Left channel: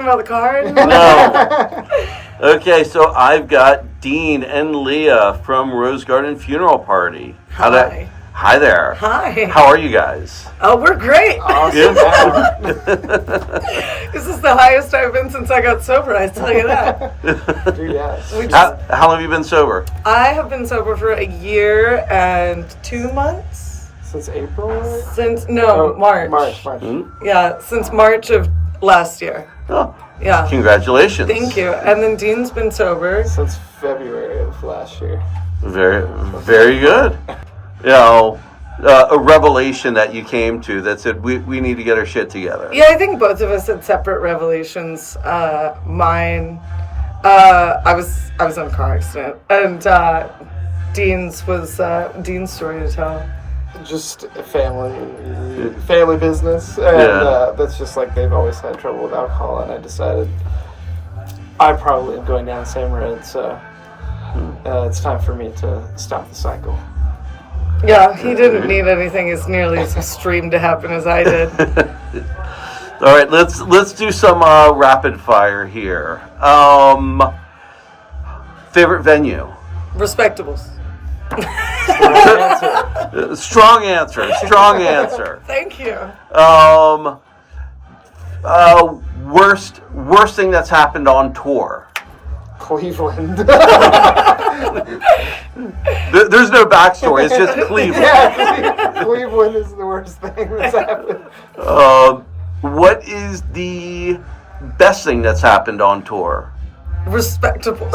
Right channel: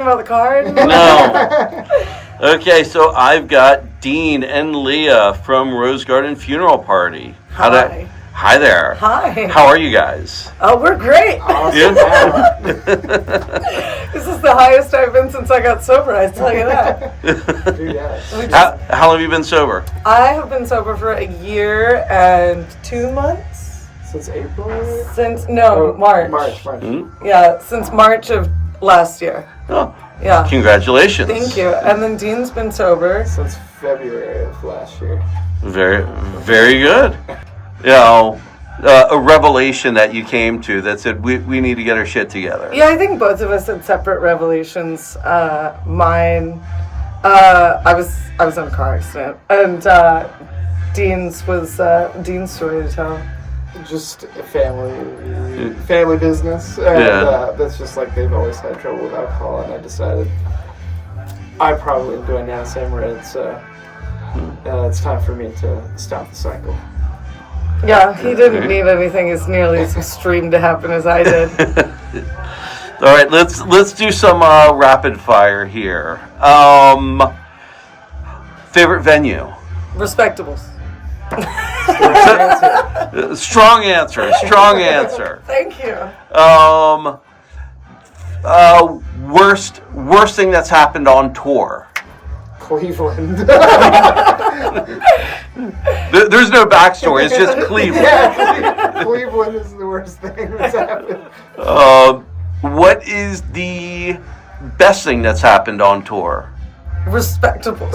About the card? No. Okay, so I've got Dean and Leah from Rosegarden Funeral Party. Hi. Hi there. Hi. How are you guys? Oh, we're great. Awesome. This is the highest I've been since I got sober, I tell you that. Dude, yes. How long have you been sober? I have been sober for a year and 2 months. Since April? March. March. Mm-hmm. Yeah, since March of last year. Oh, yeah. Congratulations. Thank you. And then Dean's been sober Since February of last year. Very, very good. You know, a revelation that you came to that said we need to get our shit together. Yeah, I think both of us had separate revelations. Mine, I was in a car accident, and Dean's was Dean's story to tell. Just a family business, and that's just like they've always had trouble with alcohol, and I decided I probably am going down the same road, so it's time for me to stop the cycle. Yeah, he didn't need anything as nearly as extreme to happen as I did. All right, let's do some rapid fire here. Favorite venue? Respectables. Strong answer. Thank you. Worst thing that's happened on tour? Cleveland. There's no backstory. It's just Cleveland. Yeah, Cleveland is the worst thing that's happened. What is the best thing that's happened on tour? Respectable.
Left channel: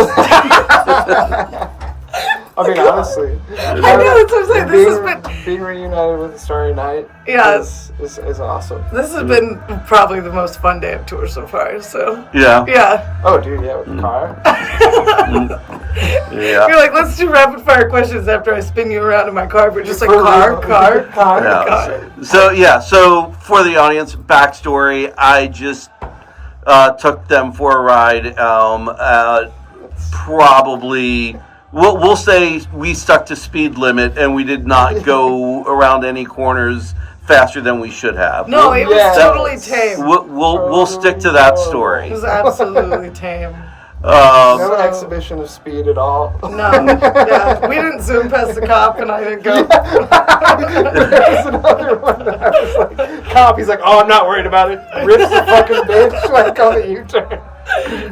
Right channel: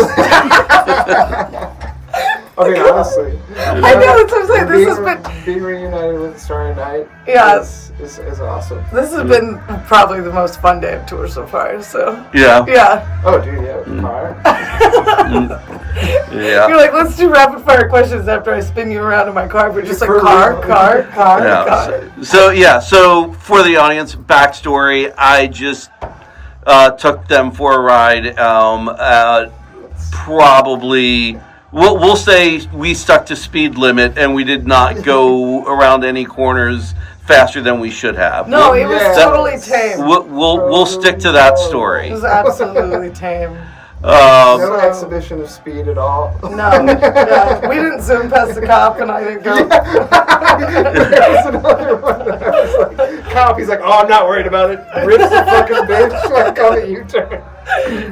I mean, honestly. I know what I'm saying. This has been being reunited with the Starry Night. Yeah, is awesome. This has been probably the most fun day of tour so far. So yeah. Oh, dude, yeah, with the car. Yeah. You're like, let's do rapid fire questions after I spin you around in my car. We're just like car. So for the audience, backstory: I just took them for a ride. Probably. We'll say we stuck to speed limit and we did not go around any corners faster than we should have. No, it was totally tame. We'll stick to that story. It was absolutely tame. No exhibition of speed at all. No, yeah, we didn't zoom past the cop and I didn't go. There was another one. I was like, cop, he's like, oh, I'm not worried about it. Rips the fucking bitch like on the U-turn.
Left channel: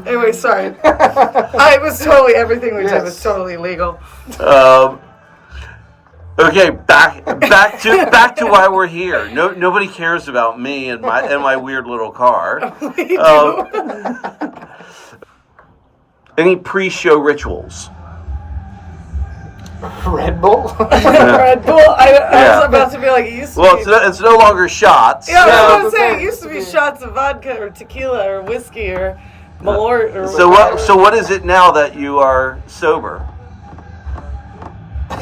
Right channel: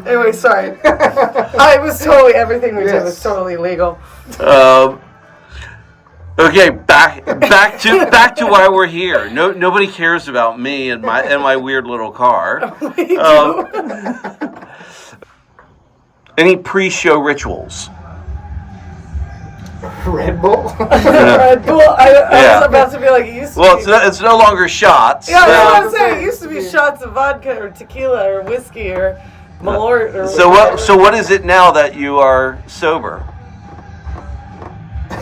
Anyway, sorry. It was totally, everything we did was totally legal. Okay, back to why we're here. Nobody cares about me and my weird little car. We do. Any pre-show rituals? Red Bull? Red Bull? I was about to be like, it used to be. It's no longer shots. Yeah, I was going to say, it used to be shots of vodka or tequila or whiskey or Malort or whatever. So what is it now that you are sober?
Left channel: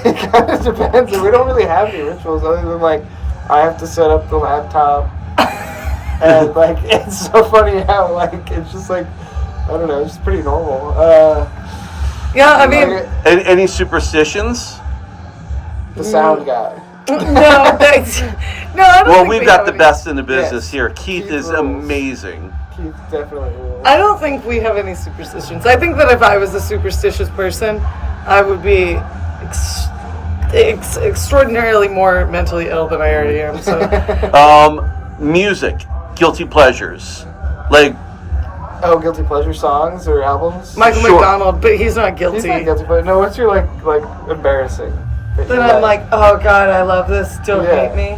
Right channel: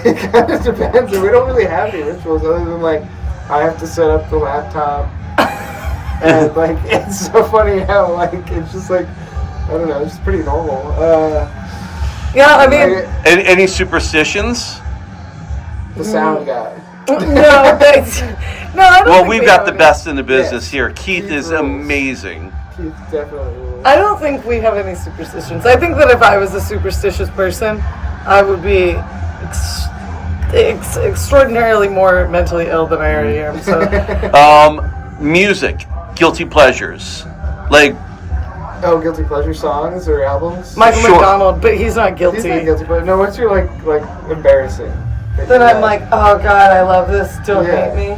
It kind of depends. We don't really have any rituals other than, like, I have to set up the laptop. And, like, it's so funny how, like, it's just, like, I don't know, it's pretty normal. Yeah, I mean... Any superstitions? The sound guy. No, I don't Well, think we've we got have the any. best in the business Yes. here. Keith is rules. amazing. Keith definitely will. I don't think we have any superstitions. I think that if I was a superstitious person, I would be extraordinarily more mentally ill than I already am. So. Music, guilty pleasures, like. Oh, guilty pleasure songs or albums? Michael Sure. McDonald, but he's not guilty. He's not guilty pleasure. No, what's your like embarrassing? Then I'm like, oh God, I love this. Don't hate me.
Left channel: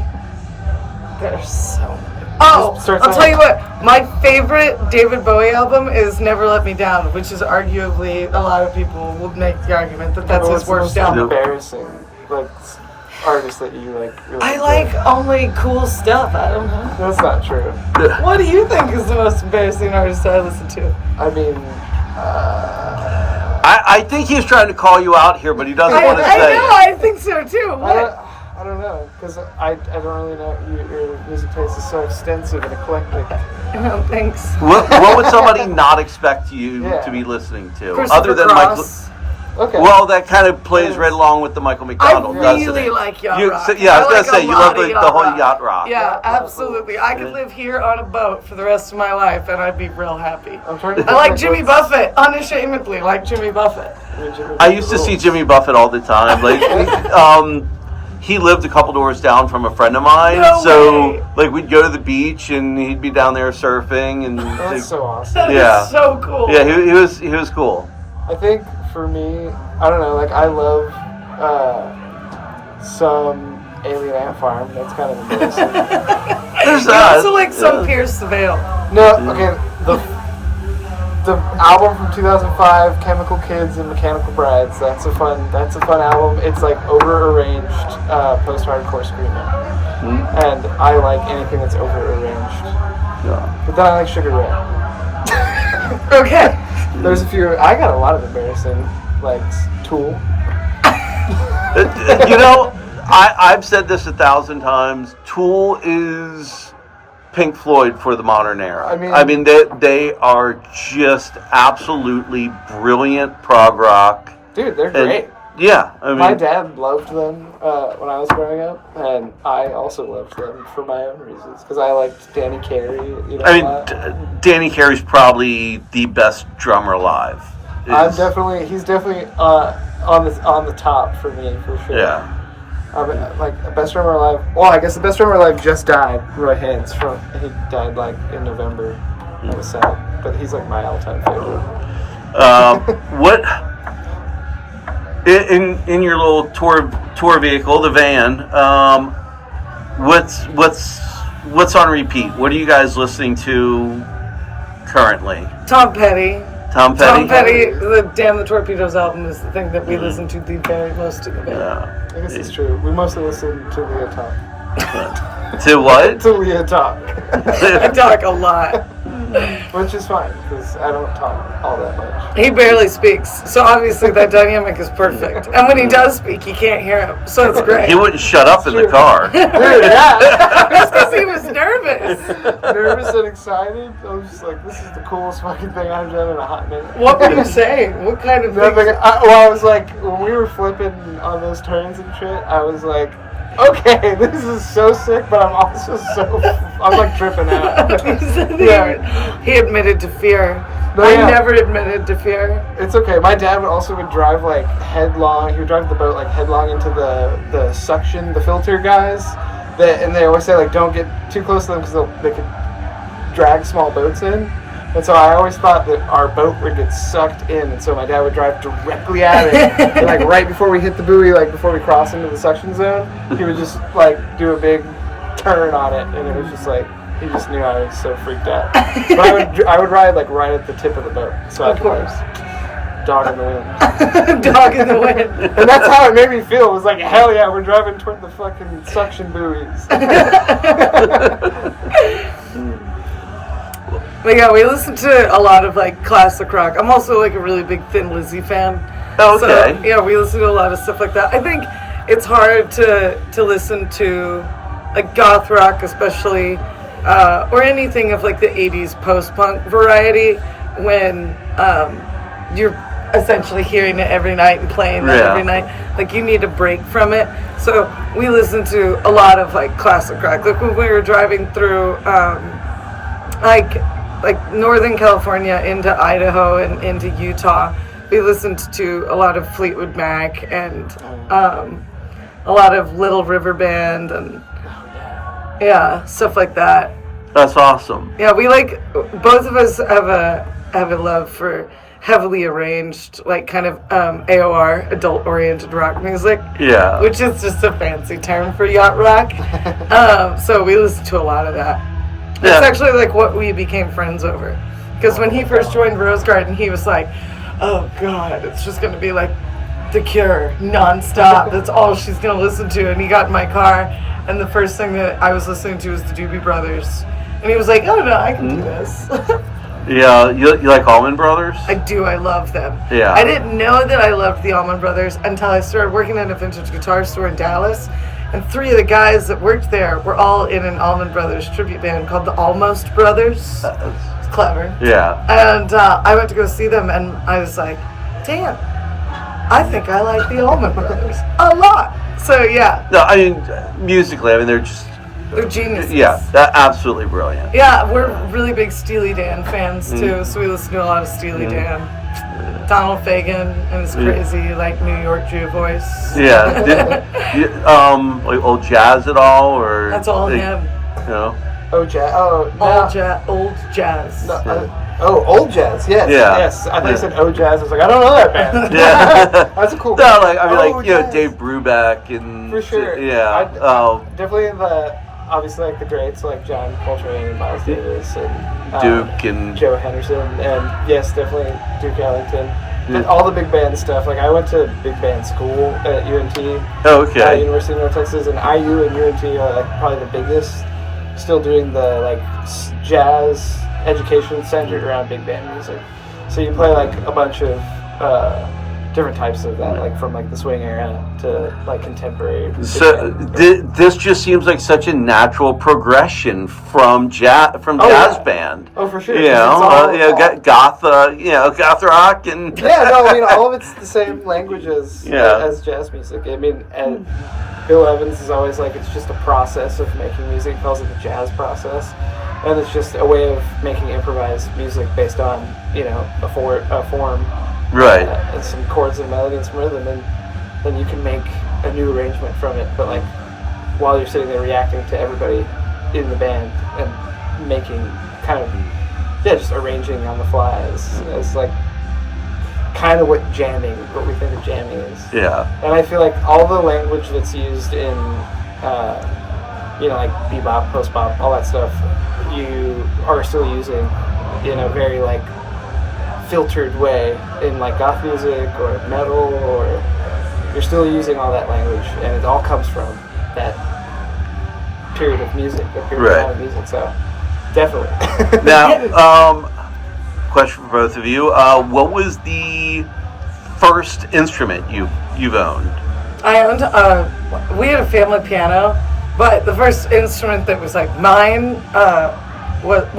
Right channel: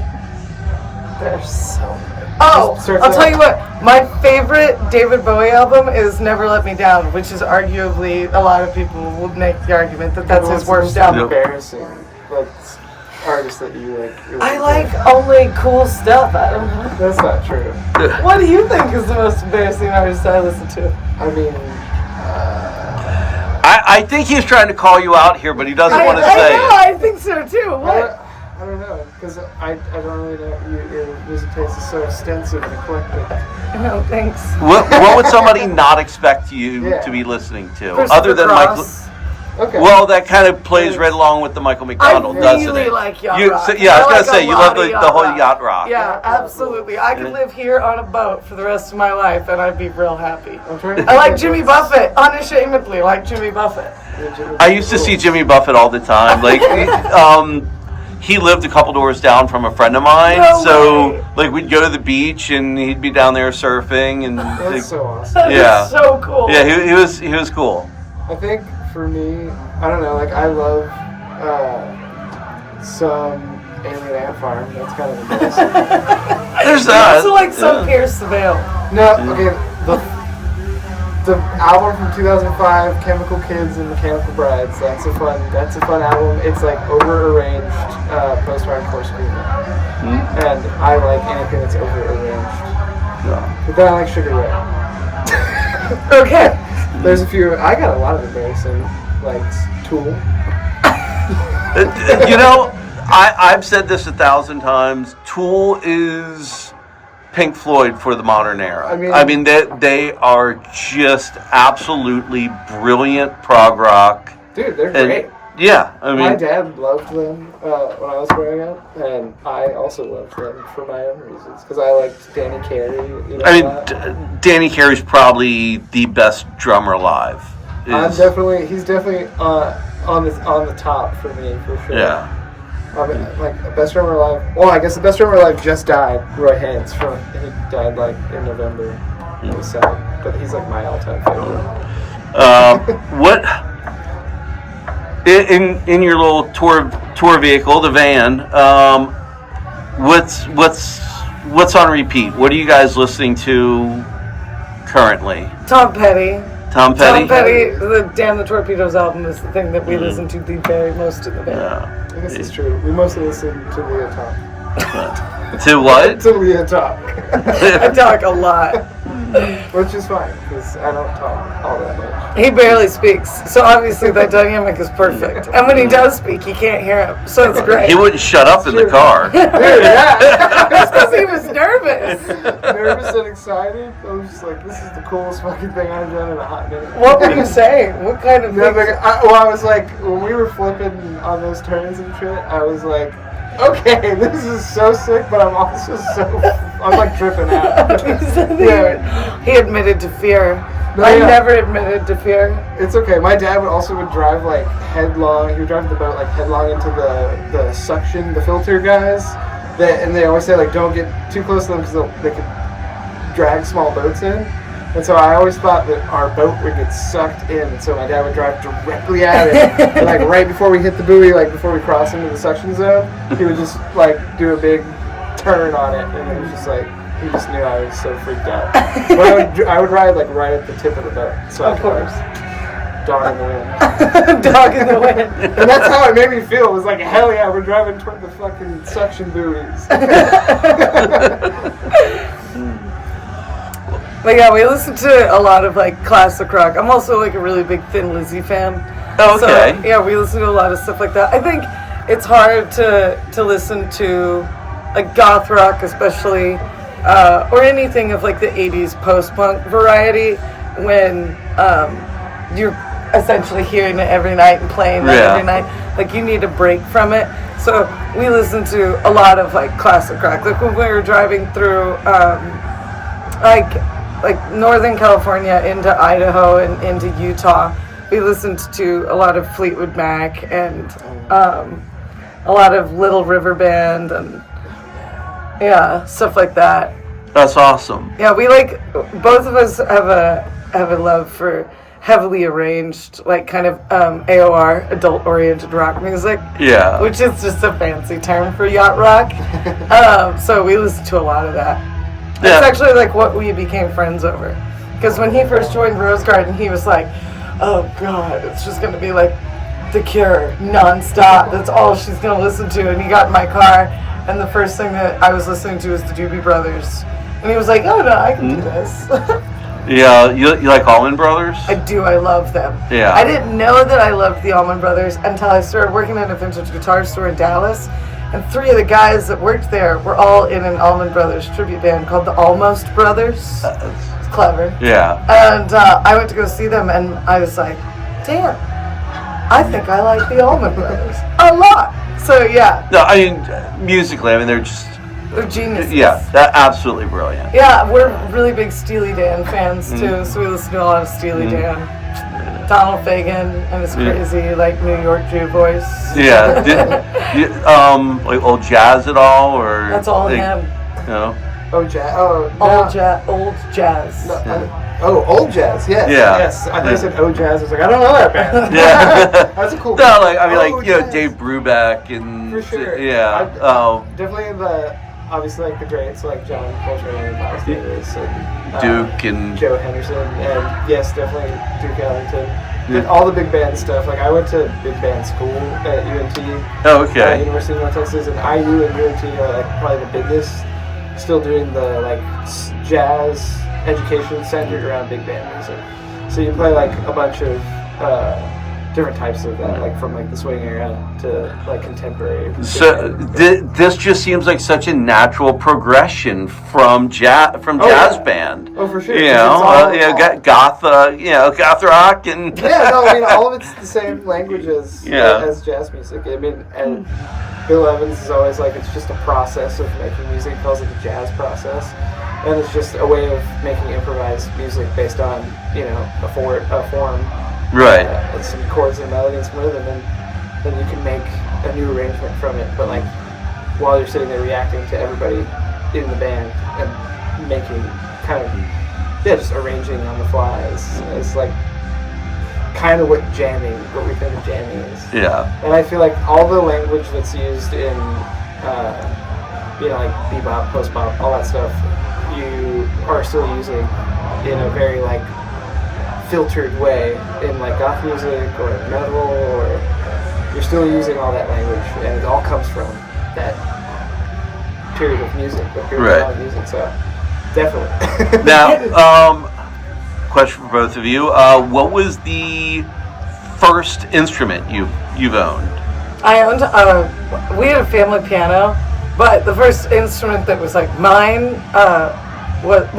There's so many. Oh, I'll tell you what. My favorite David Bowie album is "Never Let Me Down," which is arguably a lot of people would make the argument that that's his worst album. Embarrassing, like artist that you like. Really I like only cool stuff. I don't know. That's not true. What do you think is the most embarrassing artist I listen to? I mean, I think he's trying to call you out here, but he doesn't want to say it. I think so too. What? I don't know, because I don't really know. Your music taste is so extensive and eclectic. No, thanks. What would somebody not expect you to be listening to, other than Michael? Okay. Well, that kind of plays right along with the Michael McDonald, doesn't it? I really like yacht rock. I was going to say, you love the whole yacht rock. Yeah, absolutely. I could live here on a boat for the rest of my life, and I'd be real happy. I like Jimmy Buffett, unashamedly like Jimmy Buffett. I used to see Jimmy Buffett all the time. Like, he lived a couple doors down from a friend of mine, like we'd go to the beach and he'd be down there surfing, and that's so awesome. Yeah, so cool. Yeah, he was cool. I think for me, I don't know, like I love some Alien Ant Farm. That's kind of embarrassing. There's that. Also like some Pierce the Veil. No, okay, the album from 2005, Chemical Kids and Mechanical Brides. That's a fun album. It's like over-arranged post-hardcore screamo, and I like anything that's over-arranged. Yeah. But then I like Sugar Ray. Okay. There's a few. I got a lot of embarrassing, like Tool. I've said this 1,000 times. Tool is Pink Floyd for the modern era. I mean they are just absolutely brilliant prog rock. Dude, they're great. Yeah, I mean, my dad loved them when I was growing up, and I also loved them for my own reasons because I liked Danny Carey. Danny Carey's probably the best drummer alive. He's definitely on the top for me for sure. Yeah. Like best drummer alive. Well, I guess the best drummer alive just died. Roy Haynes. He died like in November. It was sad, but he's like my all-time favorite. What in your little tour vehicle, the van? What's on repeat? What are you guys listening to currently? Tom Petty. Tom Petty, the Damn the Torpedoes album is the thing that we listen to the very most in the band. Yeah. I guess it's true. We mostly listen to Leah talk. To what? To Leah talk. I talk a lot. Which is fine, because I don't talk all that much. He barely speaks, so obviously that dynamic is perfect. And when he does speak, you can't hear him, so it's great. He wouldn't shut up in the car. Dude, yeah. That's because he was nervous. Nervous and excited. I was just like, this is the coolest fucking thing I've done in a hot minute. What were you saying? What kind of thing? I was like, when we were flipping on those turns and shit, I was like, okay, this is so sick, but I'm also I'm like tripping out. He admitted to fear. No, I never admitted to fear. It's okay. My dad would drive like headlong. He would drive the boat like headlong into the suction, the filter guys. And they always say like, don't get too close to them because they could drag small boats in. And so I always thought that our boat would get sucked in, and so my dad would drive directly at it, and, like right before we hit the buoy, like before we cross into the suction zone, he would just like do a big turn on it, and it was just like he just knew I was so freaked out. But I would ride like right at the tip of the boat, so of course. Dog in the wind. Dog in the wind. And that's how it made me feel. It was like, hell yeah, we're driving toward the fucking suction buoys. But yeah, we listen to a lot of like classic rock. I'm also like a really big Thin Lizzy fan. Okay. So, yeah, we listen to a lot of stuff like that. I think it's hard to listen to like goth rock, especially, or anything of like the 80s post-punk variety when you're essentially hearing it every night and playing it every night. Like you need a break from it. So we listen to a lot of like classic rock. Like when we were driving through like Northern California into Idaho and into Utah, we listened to a lot of Fleetwood Mac and a lot of Little River Band and stuff like that. That's awesome. Yeah, we like, both of us have a love for heavily arranged, like kind of AOR, adult-oriented rock music. Yeah. Which is just a fancy term for yacht rock. So we listen to a lot of that. Yeah. It's actually like what we became friends over. Because when he first joined Rosegarden, he was like, oh God, it's just going to be like The Cure, nonstop. That's all she's going to listen to. And he got in my car, and the first thing that I was listening to was the Doobie Brothers. And he was like, oh no, I can do this. Yeah, you like Allman Brothers? I do, I love them. Yeah. I didn't know that I loved the Allman Brothers until I started working at a vintage guitar store in Dallas. And 3 of the guys that worked there were all in an Allman Brothers tribute band called the Almost Brothers. It's clever. Yeah. And I went to go see them, and I was like, damn, I think I like the Allman Brothers a lot. So yeah. No, I mean musically, I mean they're geniuses. Yeah, they're absolutely brilliant. Yeah, we're really big Steely Dan fans too, so we listen to a lot of Steely Dan. Donald Fagen and his crazy like New York Jew voice. Yeah. Like old jazz at all, or that's all him. No. Oh, jazz. Oh, old jazz. No, old jazz. Yes. Yeah. Yes. I think you said jazz. I was like, I don't know that band. Yeah. That's a cool. No, like I mean, like jazz. Dave Brubeck and for sure. Yeah. Definitely obviously like the greats like John Coltrane and Miles Davis and Duke and Joe Henderson, and yes, definitely Duke Ellington. And all the big band stuff. Like I went to big band school at UNT. Oh, okay. University of North Texas, and IU and UNT are like probably the biggest. Still doing the like jazz education centered around big band music. So you play like a bunch of different types of that, like from like the swing era to like contemporary. So this just seems like such a natural progression from jazz band. Oh, for sure. You know, goth rock and yeah. No, I mean all of it's the same language as jazz music. I mean, and Bill Evans is always like it's just a process of making music. It feels like a jazz process, and it's just a way of making improvised music based on a form. Right. And some chords and melody and some rhythm, and then you can make a new arrangement from it. But like while you're sitting there reacting to everybody in the band and making kind of just arranging on the fly is like kind of what we think of jamming is. Yeah. And I feel like all the language that's used in like bebop, post-bop, all that stuff, you are still using in a very like filtered way in like goth music or metal, or you're still using all that language, and it all comes from that period of music, that period of music. So definitely. Now, question for both of you: what was the first instrument you've owned? I owned. We had a family piano, but the first instrument that was like mine, what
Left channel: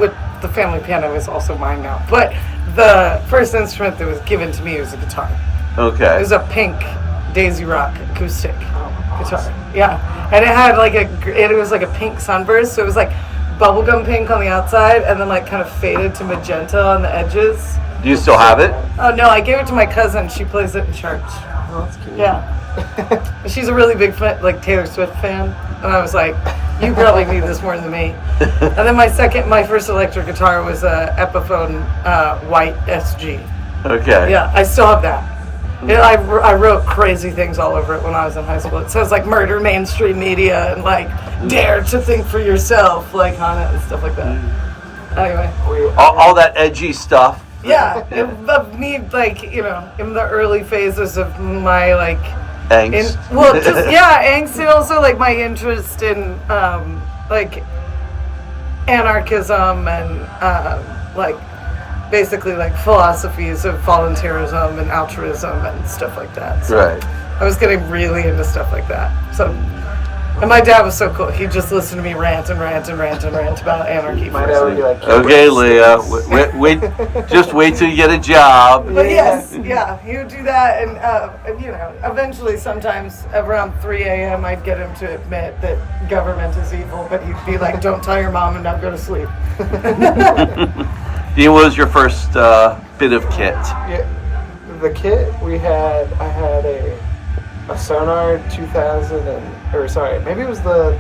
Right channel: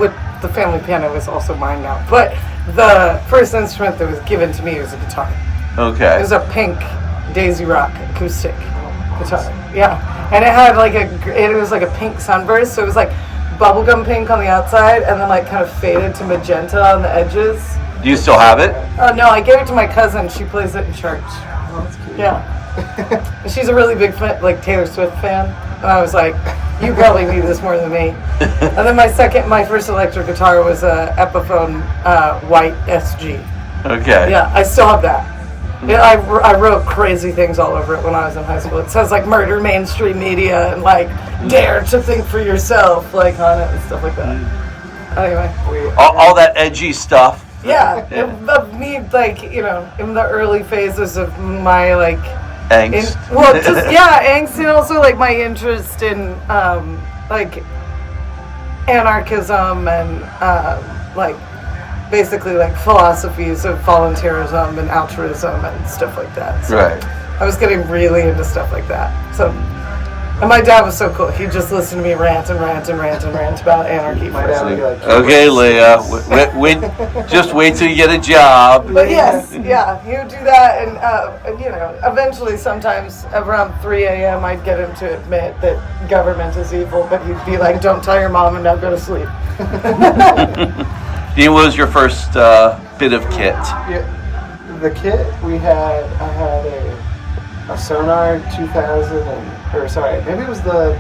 the family piano was also mine now, but the first instrument that was given to me was a guitar. Okay. It was a pink Daisy Rock acoustic guitar. Yeah, and it had like it was like a pink sunburst, so it was like bubblegum pink on the outside, and then like kind of faded to magenta on the edges. Do you still have it? No, I gave it to my cousin. She plays it in church. Oh, that's cute. Yeah. She's a really big like Taylor Swift fan, and I was like, you probably need this more than me. And then my first electric guitar was a Epiphone white SG. Okay. Yeah, I still have that. I wrote crazy things all over it when I was in high school. It says like murder mainstream media and like dare to think for yourself like on it and stuff like that. Anyway. All that edgy stuff. Yeah, of me like in the early phases of my like angst. Angst, and also like my interest in like anarchism and like basically like philosophies of volunteerism and altruism and stuff like that. So right. I was getting really into stuff like that. So, and my dad was so cool. He'd just listen to me rant about anarchy. My dad would be like, okay, Leah, wait, just wait till you get a job. But yes, yeah, he would do that, and eventually, sometimes around 3 a.m., I'd get him to admit that government is evil, but he'd be like, "Don't tell your mom, and now go to sleep." Dean, what was your first bit of kit? Yeah, the kit I had a Sonar 2000 maybe it was the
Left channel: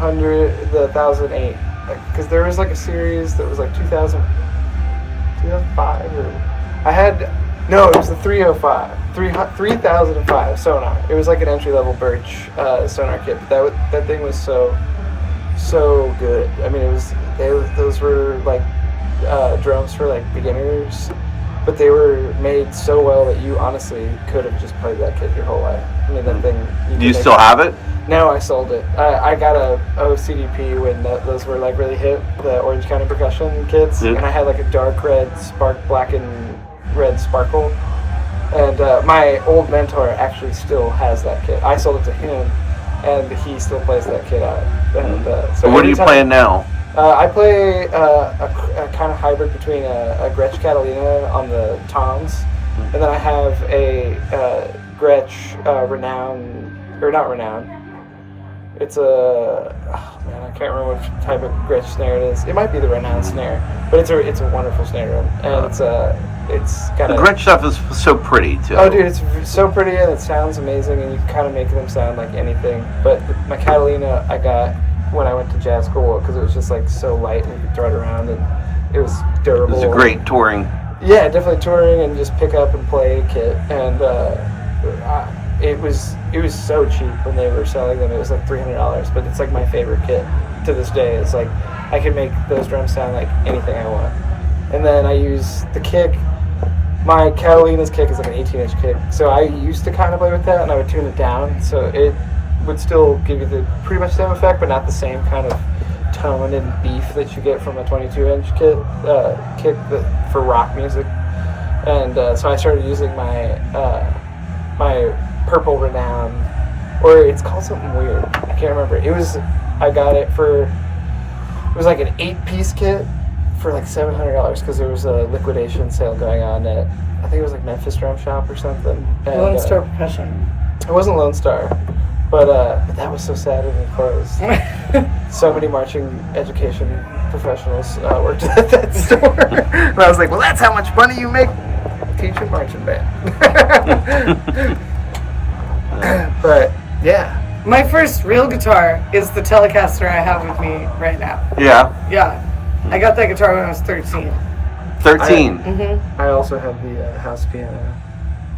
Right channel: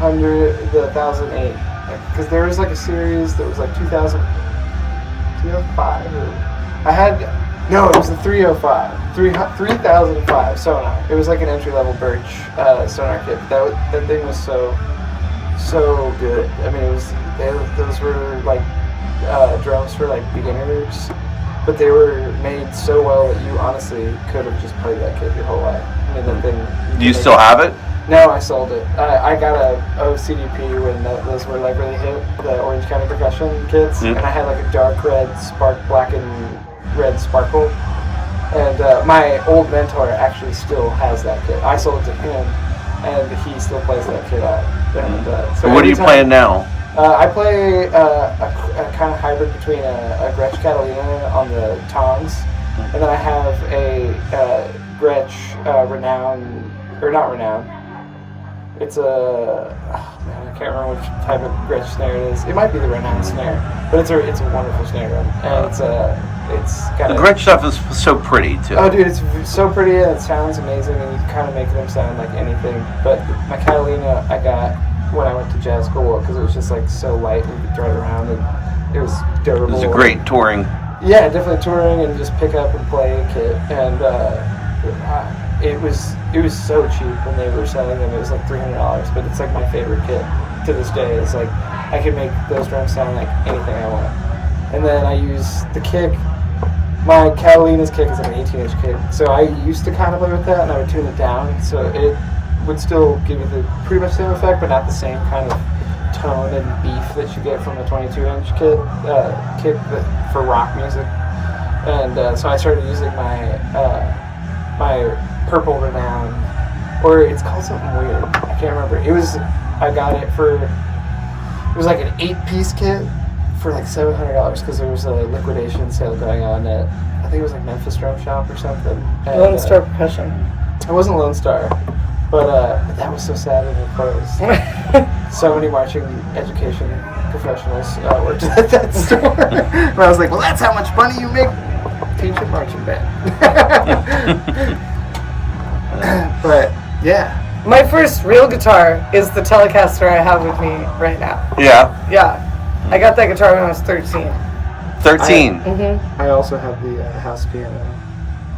1008, because there was like a series that was like 2005, or it was the 3005 Sonar. It was like an entry-level Birch Sonar kit. That thing was so good. I mean, those were like drums for like beginners, but they were made so well that you honestly could have just played that kit your whole life. I mean, that thing. Do you still have it? No, I sold it. I got a OCDP when those were like really hip, the Orange County percussion kits, and I had like a dark red black and red sparkle. And my old mentor actually still has that kit. I sold it to him, and he still plays that kit out. And so what are you playing now? I play a kind of hybrid between a Gretsch Catalina on the toms And then I have a Gretsch not Renown. It's a I can't remember which type of Gretsch snare it is. It might be the Renown snare, but it's a wonderful snare drum, and it's got the Gretsch stuff is so pretty too. Oh, dude, it's so pretty and it sounds amazing, and you kind of make them sound like anything. But my Catalina I got when I went to jazz school because it was just like so light and you could throw it around, and it was durable. It was a great touring. Yeah, definitely touring and just pick up and play kit, and it was so cheap when they were selling them. It was like $300, but it's like my favorite kit to this day. It's like I can make those drums sound like anything I want. And then I use the kick. My Catalina's kick is like an 18-inch kick, so I used to kind of play with that, and I would tune it down, so it would still give you the pretty much same effect, but not the same kind of tone and beef that you get from a 22-inch kick for rock music. And so I started using my purple Renown, or it's called something weird. I can't remember. I got it was like an 8-piece kit for like $700 because there was a liquidation sale going on at, I think it was like Memphis Drum Shop or something. And, Lone Star Percussion. It wasn't Lone Star, but that was so sad when it closed. So many marching education professionals worked at that store. And I was like, well, that's how much money you make. Teach a marching band. But yeah, my first real guitar is the Telecaster I have with me right now. Yeah. I got that guitar when I was 13. 13. I also have the house piano.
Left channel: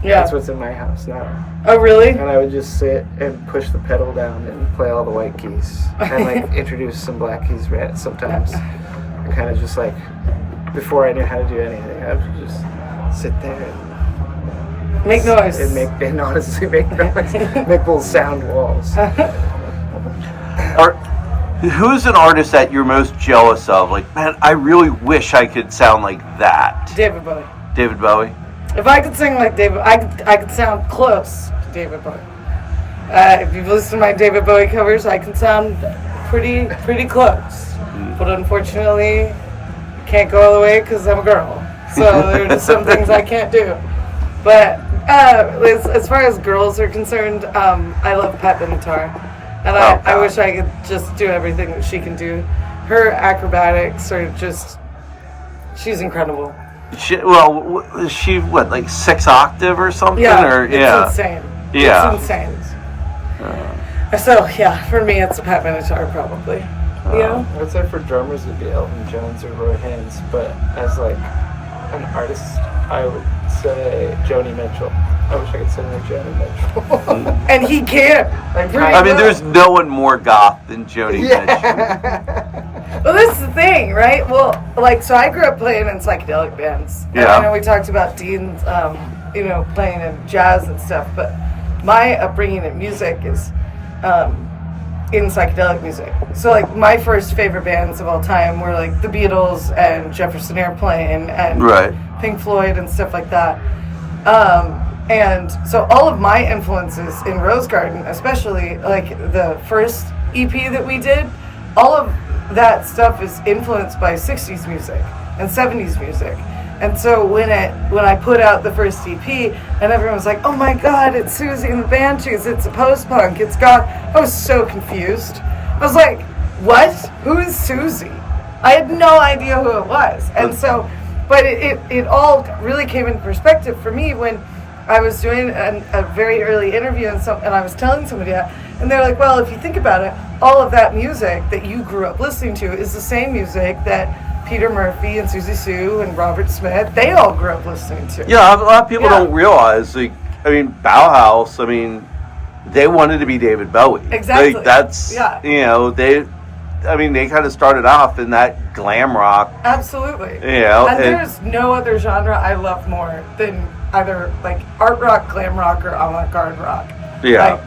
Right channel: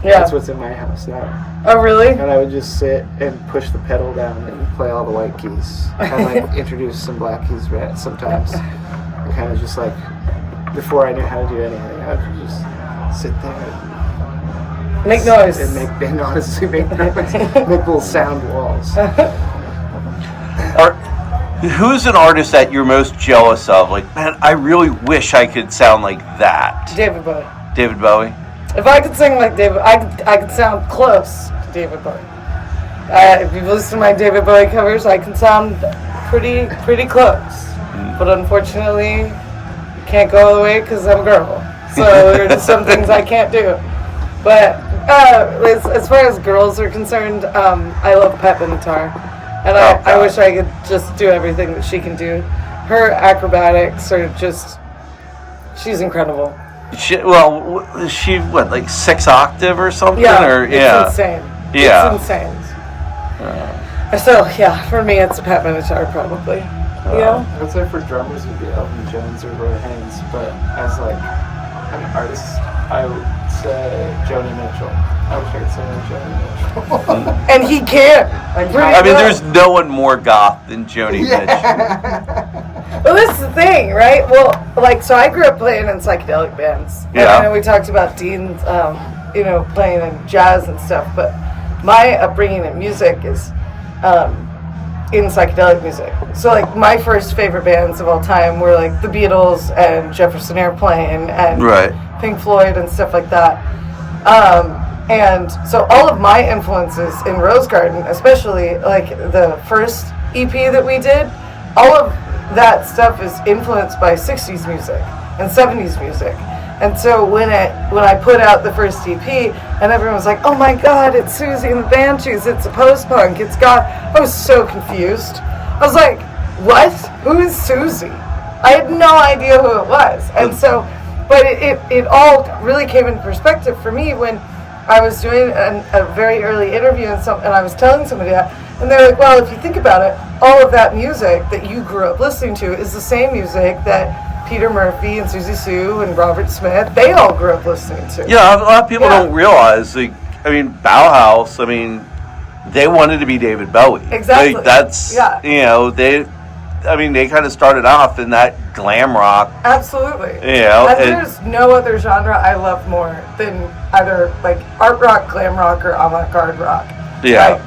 Yeah. That's what's in my house now. Oh, really? And I would just sit and push the pedal down and play all the white keys. And like introduce some black keys sometimes. And kind of just like, before I knew how to do anything, I would just sit there and make noise. And honestly make noise. Make little sound walls. Who's an artist that you're most jealous of? Like, man, I really wish I could sound like that. David Bowie. David Bowie? If I could sing like David, I could sound close to David Bowie. If you've listened to my David Bowie covers, I can sound pretty close. But unfortunately, can't go all the way because I'm a girl. So there are just some things I can't do. But as far as girls are concerned, I love Pat Benatar. And I wish I could just do everything that she can do. Her acrobatics are just, she's incredible. She what, like 6 octave or something? Yeah, it's insane. Yeah. It's insane. So, yeah, for me, it's a Pat Benatar probably. You know? I would say for drummers, it would be Elvin Jones or Roy Haynes, but as like an artist, I would say Joni Mitchell. I wish I could sing like Joni Mitchell. And he can. I mean, there's no one more goth than Joni Mitchell. Well, this is the thing, right? Well, like, so I grew up playing in psychedelic bands. Yeah. And we talked about Dean, playing in jazz and stuff, but my upbringing in music is in psychedelic music. So, like, my first favorite bands of all time were, like, the Beatles and Jefferson Airplane and Pink Floyd and stuff like that. And so all of my influences in Rosegarden, especially, like, the first EP that we did, all of that stuff is influenced by 60s music and 70s music. And so when I put out the first EP, and everyone was like, oh my God, it's Susie and the Banshees, it's a post-punk, it's got, I was so confused. I was like, what? Who is Susie? I had no idea who it was. And so, but it all really came in perspective for me when I was doing a very early interview and I was telling somebody that, and they're like, well, if you think about it, all of that music that you grew up listening to is the same music that Peter Murphy and Susie Sue and Robert Smith, they all grew up listening to. Yeah, a lot of people don't realize, like, I mean, Bauhaus, I mean, they wanted to be David Bowie. Exactly. Like, that's, they kind of started off in that glam rock. Absolutely. And there's no other genre I love more than either, like, art rock, glam rock, or avant-garde rock. Yeah.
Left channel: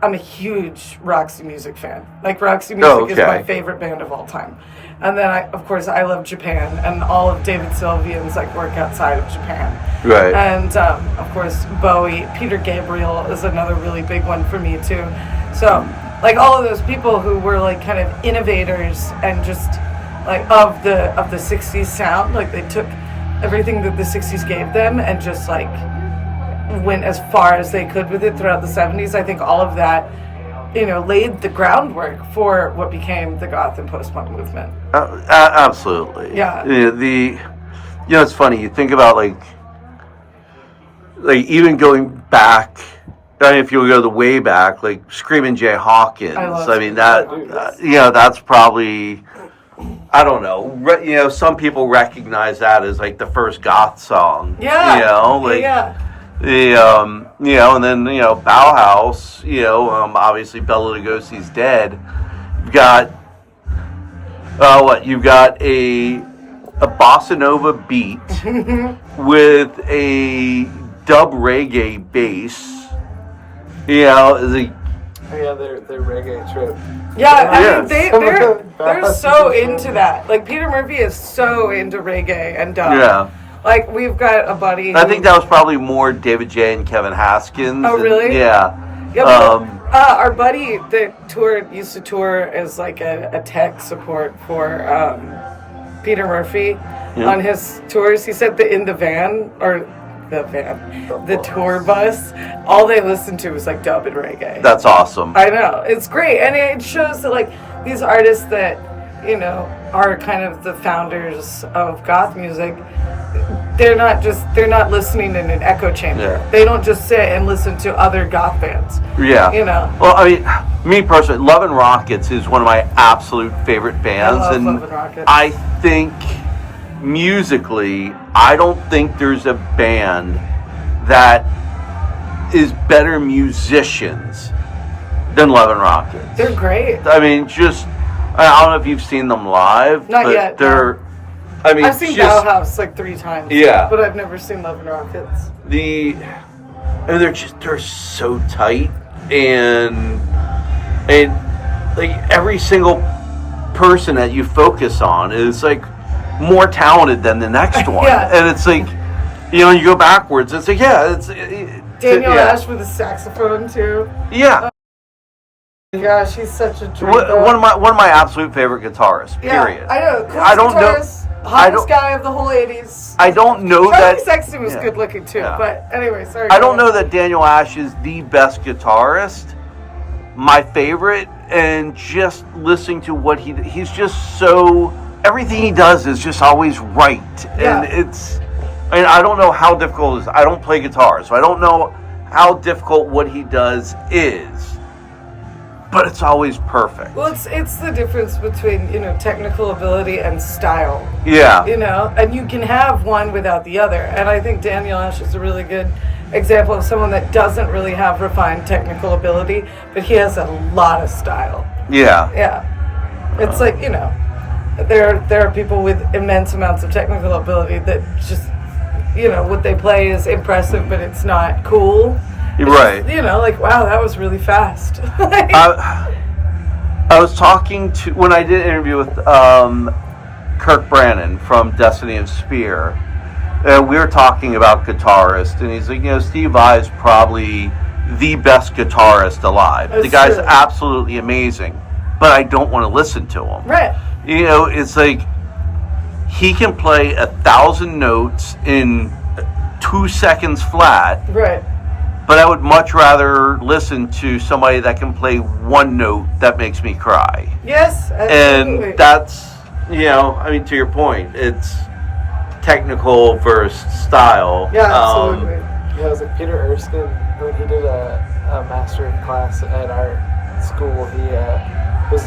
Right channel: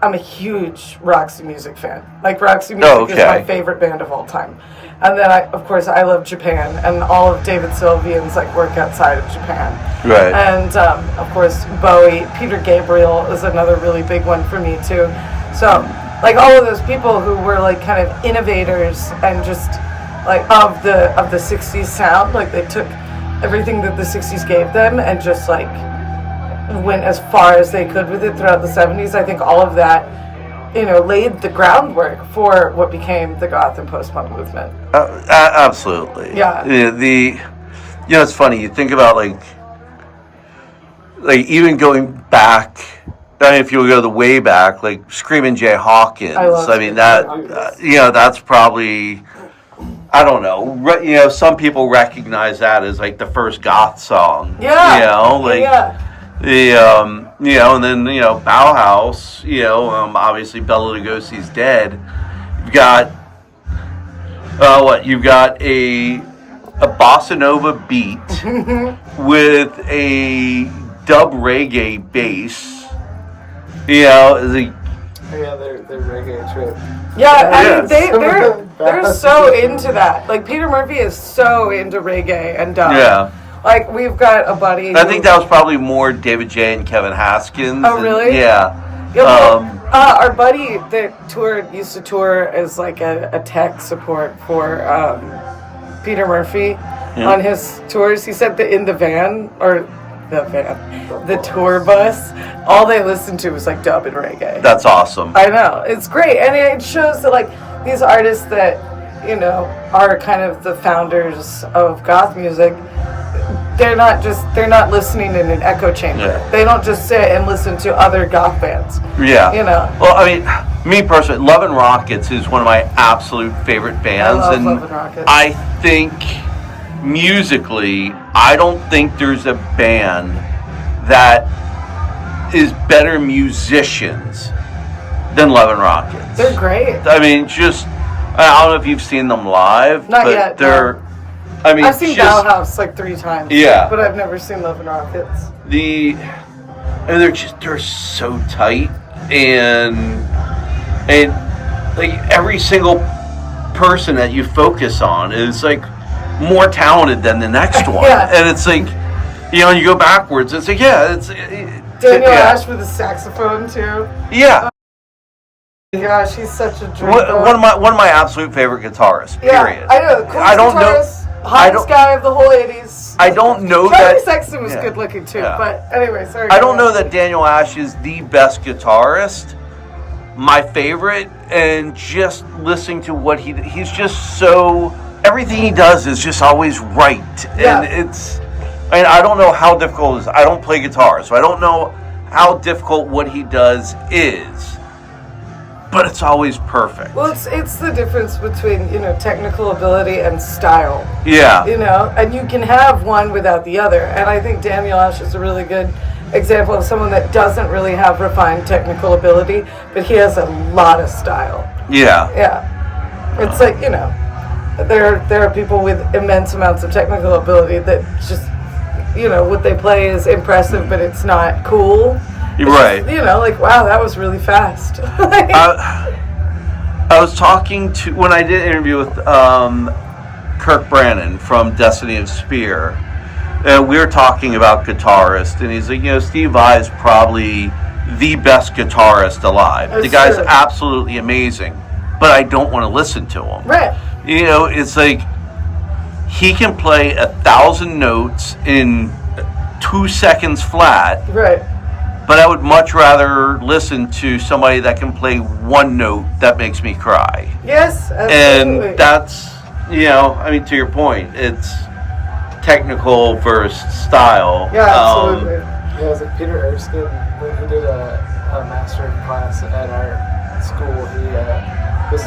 I'm a huge Roxy Music fan. Like, Roxy Music is my favorite band of all time. And then, I love Japan, and all of David Sylvian's, like, work outside of Japan. Right. And, of course, Bowie. Peter Gabriel is another really big one for me, too. So, like, all of those people who were, like, kind of innovators and just, like, of the 60s sound, like, they took everything that the 60s gave them and just like went as far as they could with it throughout the 70s. I think all of that, laid the groundwork for what became the goth and post-punk movement. Absolutely. Yeah. It's funny. You think about like even going back. I mean, if you go the way back, like Screamin' Jay Hawkins. That's probably. I don't know. Some people recognize that as like the first goth song. Yeah. And then Bauhaus. Obviously Bela Lugosi's dead. You've got You've got a bossa nova beat with a dub reggae bass. They're reggae trip. Yeah, they're so into that. Like Peter Murphy is so into reggae and dub. Yeah. Like we've got a buddy. I think that was probably more David J. and Kevin Haskins. Oh, really? Yeah. Our buddy that used to tour as like a tech support for Peter Murphy on his tours. He said that in the tour bus, all they listened to was like dub and reggae. That's awesome. I know, it's great, and it shows that like these artists that are kind of the founders of goth music. They're not listening in an echo chamber. Yeah. They don't just sit and listen to other goth bands. Yeah. Well, I mean, me personally, Love and Rockets is one of my absolute favorite bands, I think musically, I don't think there's a band that is better musicians than Love and Rockets. They're great. I mean, I don't know if you've seen them live, Not but yet, they're. No. I mean, I've seen Bauhaus like 3 times. Yeah, but I've never seen Love and Rockets. They're so tight, and like every single person that you focus on is like more talented than the next one, and it's like you go backwards. It's like Daniel Ash with a saxophone too. Yeah. Yeah, she's such a dream. One of my absolute favorite guitarists. Period. I know. I don't know. Hottest guy of the whole 80s. I don't know that. Sexton was good looking too, but anyway, sorry. I don't know that Daniel Ash is the best guitarist. My favorite, and just listening to what he's just so, everything he does is just always right, and I don't know how difficult it is. I don't play guitar, so I don't know how difficult what he does is. But it's always perfect. Well, it's the difference between, technical ability and style. Yeah. And you can have one without the other. And I think Daniel Ash is a really good example of someone that doesn't really have refined technical ability, but he has a lot of style. Yeah. Yeah. It's like, there are people with immense amounts of technical ability that just, what they play is impressive, but it's not cool. Right. Wow, that was really fast. I was talking to, when I did an interview with Kirk Brannon from Destiny of Spear, and we were talking about guitarists, and he's like, Steve Vai is probably the best guitarist alive. The guy's absolutely amazing, but I don't want to listen to him. Right. It's like, he can play 1,000 notes in 2 seconds flat. Right. But I would much rather listen to somebody that can play one note that makes me cry. Yes, absolutely. And that's, to your point, it's technical versus style. Yeah, absolutely. It was like Peter Erskine, when he did a master class at our school, he was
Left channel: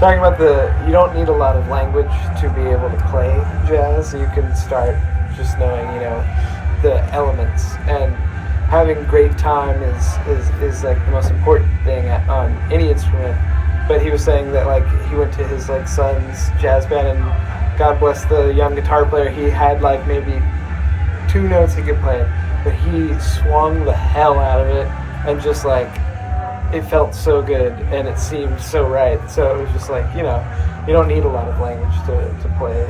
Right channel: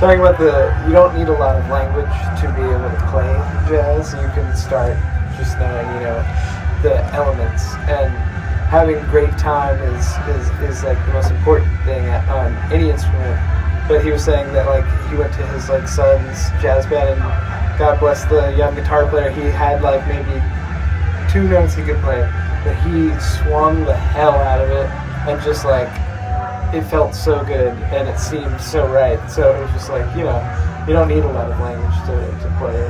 talking about you don't need a lot of language to be able to play jazz. You can start just knowing, the elements, and having great time is like the most important thing on any instrument. But he was saying that like he went to his like son's jazz band, and God bless the young guitar player, he had like maybe 2 notes he could play, but he swung the hell out of it, and just like it felt so good and it seemed so right. So it was just like, you don't need a lot of language to play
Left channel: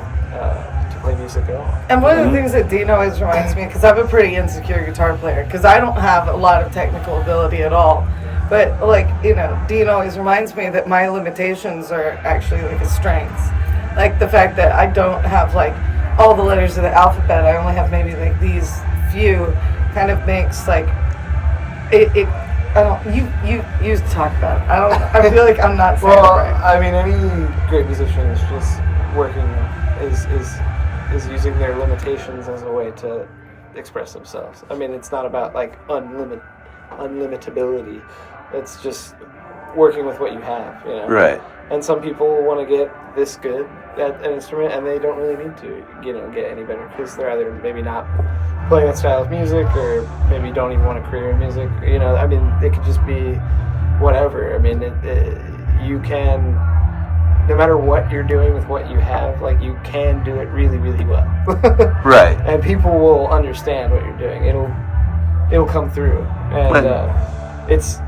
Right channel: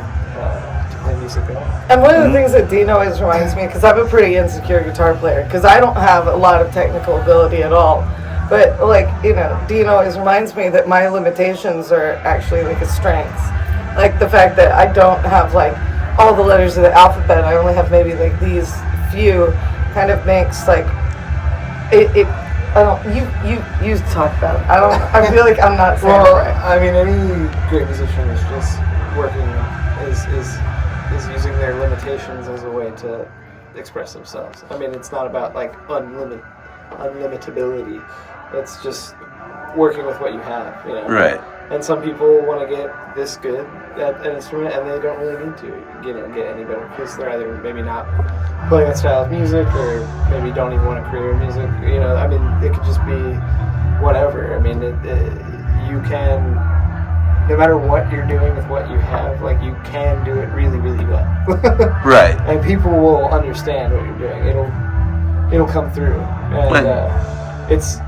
music at all. And one of the things that Dean always reminds me, because I'm a pretty insecure guitar player, because I don't have a lot of technical ability at all, but like, Dean always reminds me that my limitations are actually like a strength. Like the fact that I don't have like all all the letters of the alphabet. I only have maybe like these few. Kind of makes like it. I don't. You talk about it. I don't. I feel like I'm not saying well, it right. I mean, any great musician is just working is using their limitations as a way to express themselves. I mean, it's not about like unlimitability. It's just working with what you have, you know. Right. And some people want to get this good at an instrument, and they don't really need to, you know, get any better because they're either maybe not playing that style of music, or maybe don't even want a career in music. You know, I mean, it could just be whatever. I mean, you can, no matter what you're doing with what you have, like you can do it really, really well. Right. And people will understand what you're doing. It'll come through, and it's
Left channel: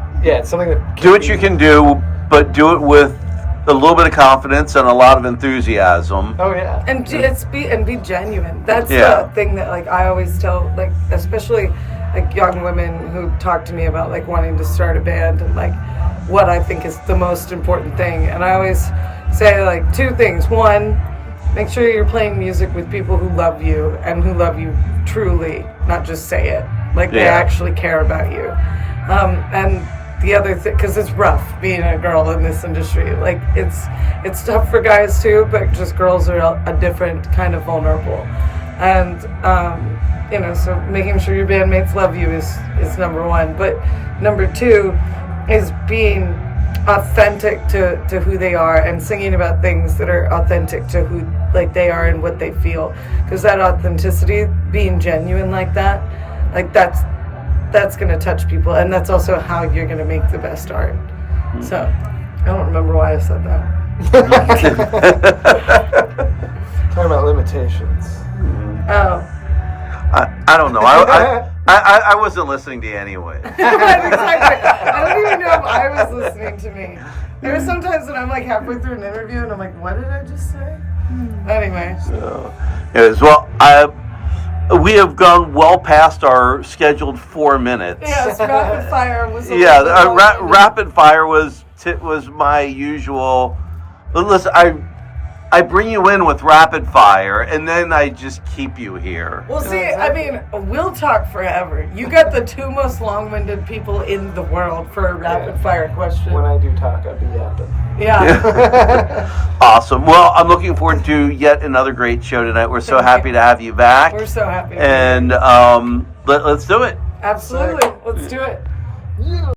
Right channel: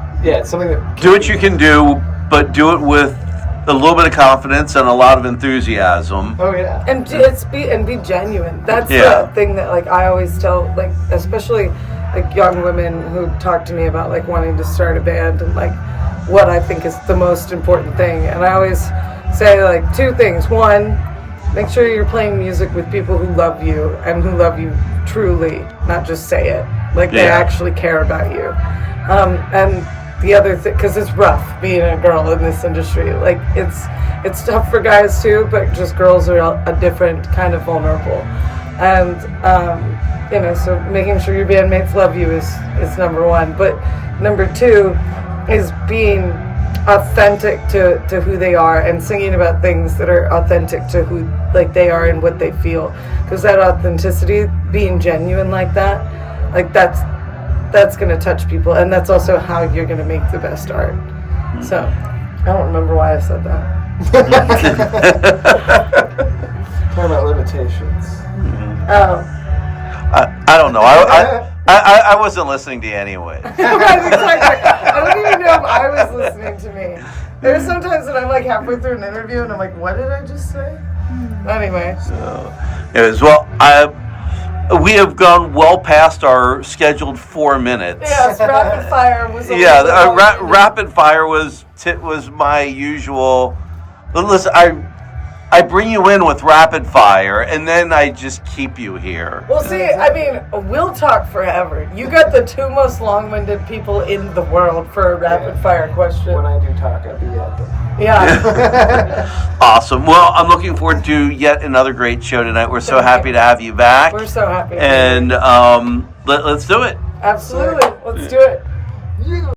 something that do what you can do, but do it with a little bit of confidence and a lot of enthusiasm. Oh yeah, and be genuine. That's the thing that like I always tell, like especially like young women who talk to me about like wanting to start a band and like what I think is the most important thing. And I always say like two things. One, make sure you're playing music with people who love you and who love you truly, not just say it. Like they actually care about you. And the other thing, because it's rough being a girl in this industry. Like it's tough for guys too, but just girls are a different kind of vulnerable. And you know, so making sure your bandmates love you is number one. But number two is being authentic to who they are and singing about things that are authentic to who like they are and what they feel. Because that authenticity, being genuine like that, like that's going to touch people, and that's also how you're going to make the best art. Mm-hmm. So, I don't remember why I said that. Talking about limitations. Mm-hmm. Oh. I don't know. I wasn't listening to you anyway. I don't even know if I was listening to me. There's sometimes that I'm like halfway through an interview and I'm like, what did I just say? Anyway. So, we have gone well past our scheduled 4 minutes. Yes, rapid fire was. Rapid fire was my usual. Listen, I bring you in with rapid fire, and then I just keep you here. Well, see, I mean, we'll talk forever. You got the two most long-winded people in the world for a rapid fire question. When I do talk, I'll be at them. Yeah. Awesome. Well, I'm looking forward to yet another great show tonight. We're so happy to have you back. We're so happy. And let's do it. Absolutely. Let's do it.